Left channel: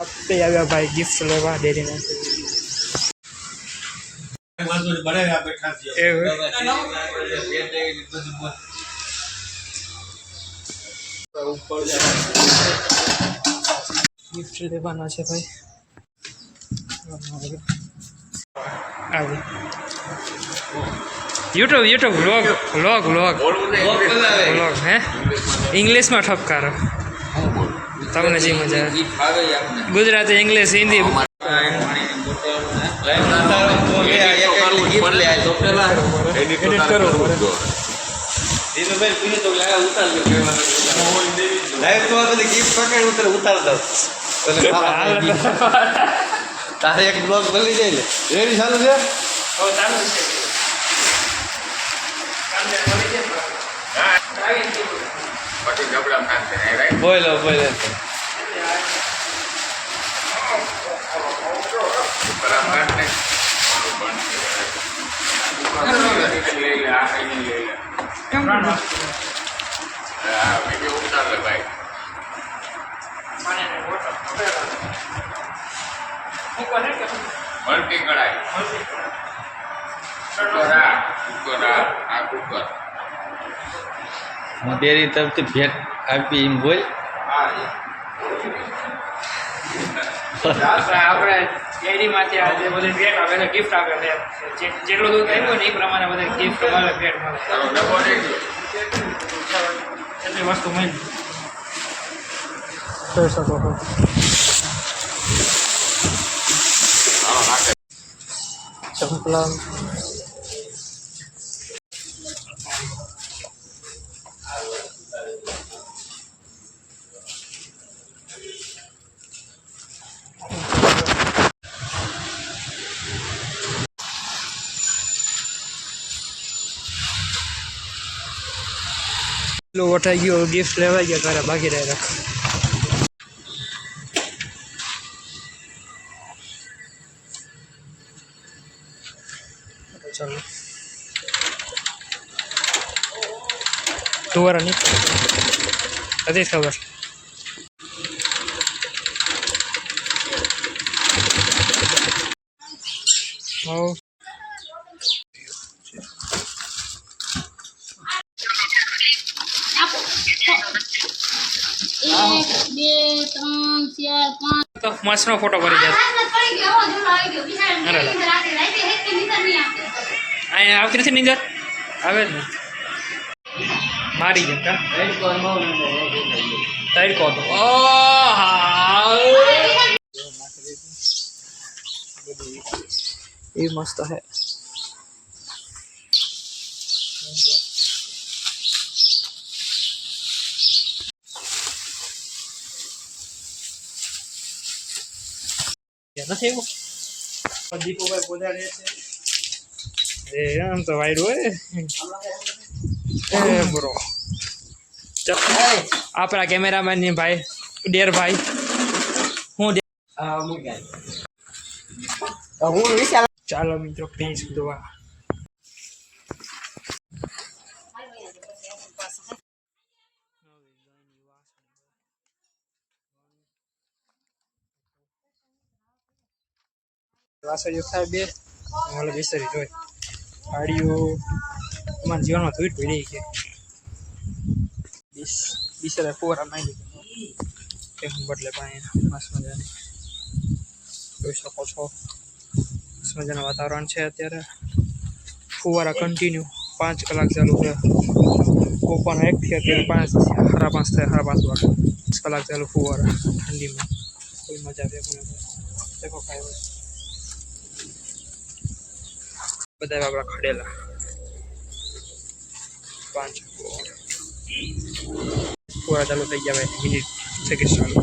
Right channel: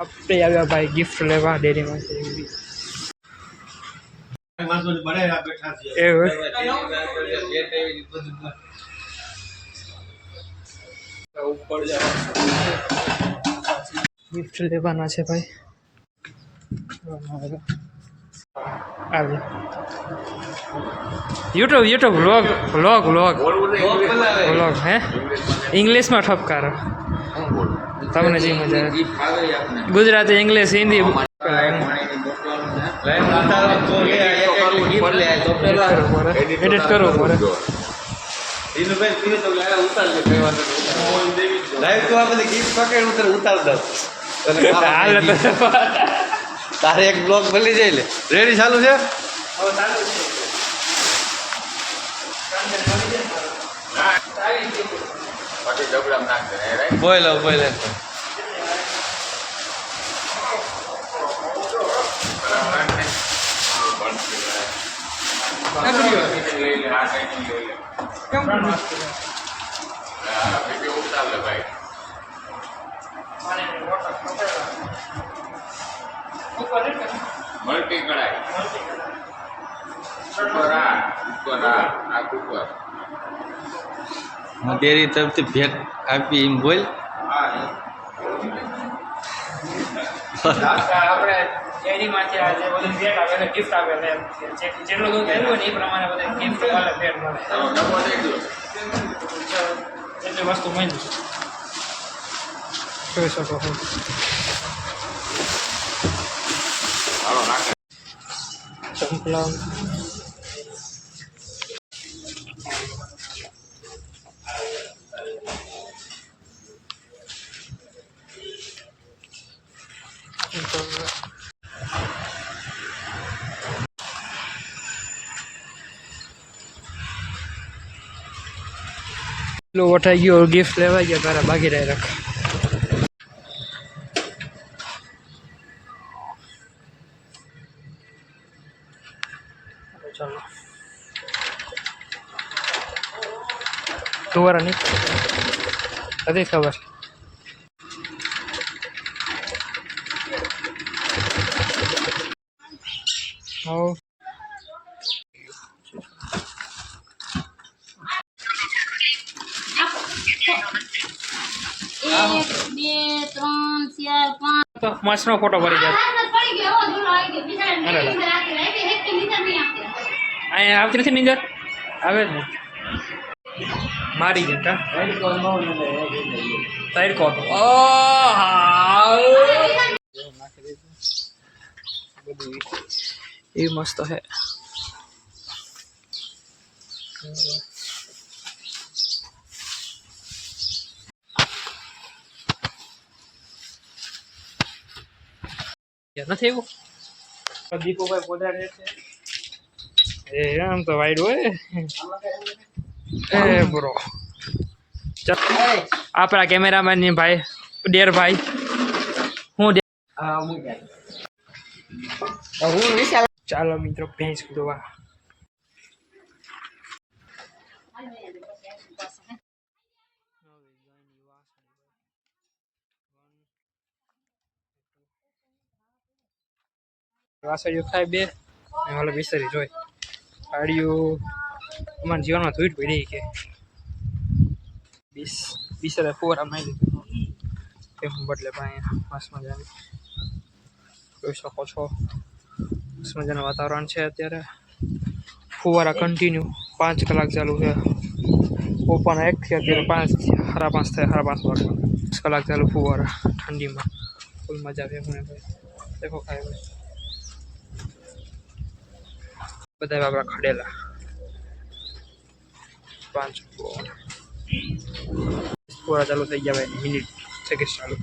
આપણે આવ્યા ભાઈ ગિફ્ટ લેવા ડેરીમાં ગિફ્ટ લેવાના છે ભાઈ યુટ્યુબ વ્લોગ હે ઇંગ્લિશમાં ઠપકારો તમને જે મજા ગુજરાતી ઇંગ્લિશ હિન્દી એડિટ કરો તારે એક બ્લોગ બની જાય ને રેડી ચાલુ છે બોલો મલ્ટી કઢાઈ કુકર ડેરી તરફથી ભેટ આપી એમ બોલ આપણે ડેરીમાંથી આજે બધું ભેટ આવે ગિફ્ટ આપે જેટલું દૂધ આવ્યું ને એ પ્રમાણે બધા ગિફ્ટ મળે ભેટ મળે એટલી વસ્તુ મળી જોઈ શકો છો ચંપલા વટાઈ ગયો ગિફ્ટ લેવાઈ ગયા તારા બાકી રહી રાખ ચાલો તુવારા નહીં હતી ખબર હા મસ્તનો ફોટો પડી જાય અહીંયા આવતી નથી નીંદર આવે જ ને મારી જેમ કા તડકો હતો એ મસ્ત હે નથી એવું દીપુભાઈ પોધારે છે એ આમ તો વાઈડ હોય એ બ્રો આપણા કેમેરામેન ની ભાઈ ડેર ભાઈ ચાલો મિત્રો ભેંસ દોવા વાસળીઓ ખાય બે હાલ બિસ્તરી જોઈ હાડીઓ અમારા જીવનમાં ધોઈ પડી કે બિસ્તરા ફોરા મારી લીધું કે હું બદલે પાણી મસ્ત મજાની જોઈ શકો છો મસ્ત મજાનું વાતાવરણ છે અત્યારે ફુવારા કન્ટિન્યુ 5 કલાક ચાલુ છે ઓપન 1 થી અત્યારે 5 સાડા 5 થાય 5:30 વાગે 5 કલાક ચાલુ ફુવારા ઠંડીમાં ફૂલ મજા આવે મને ભાઈ દેખો ખાય ભાઈ બધા આપણા ખડેલા 5 પૂરા ચાલુ થઈ ગયા ભાઈ મિનિટ સેકન્ડ ચાલુ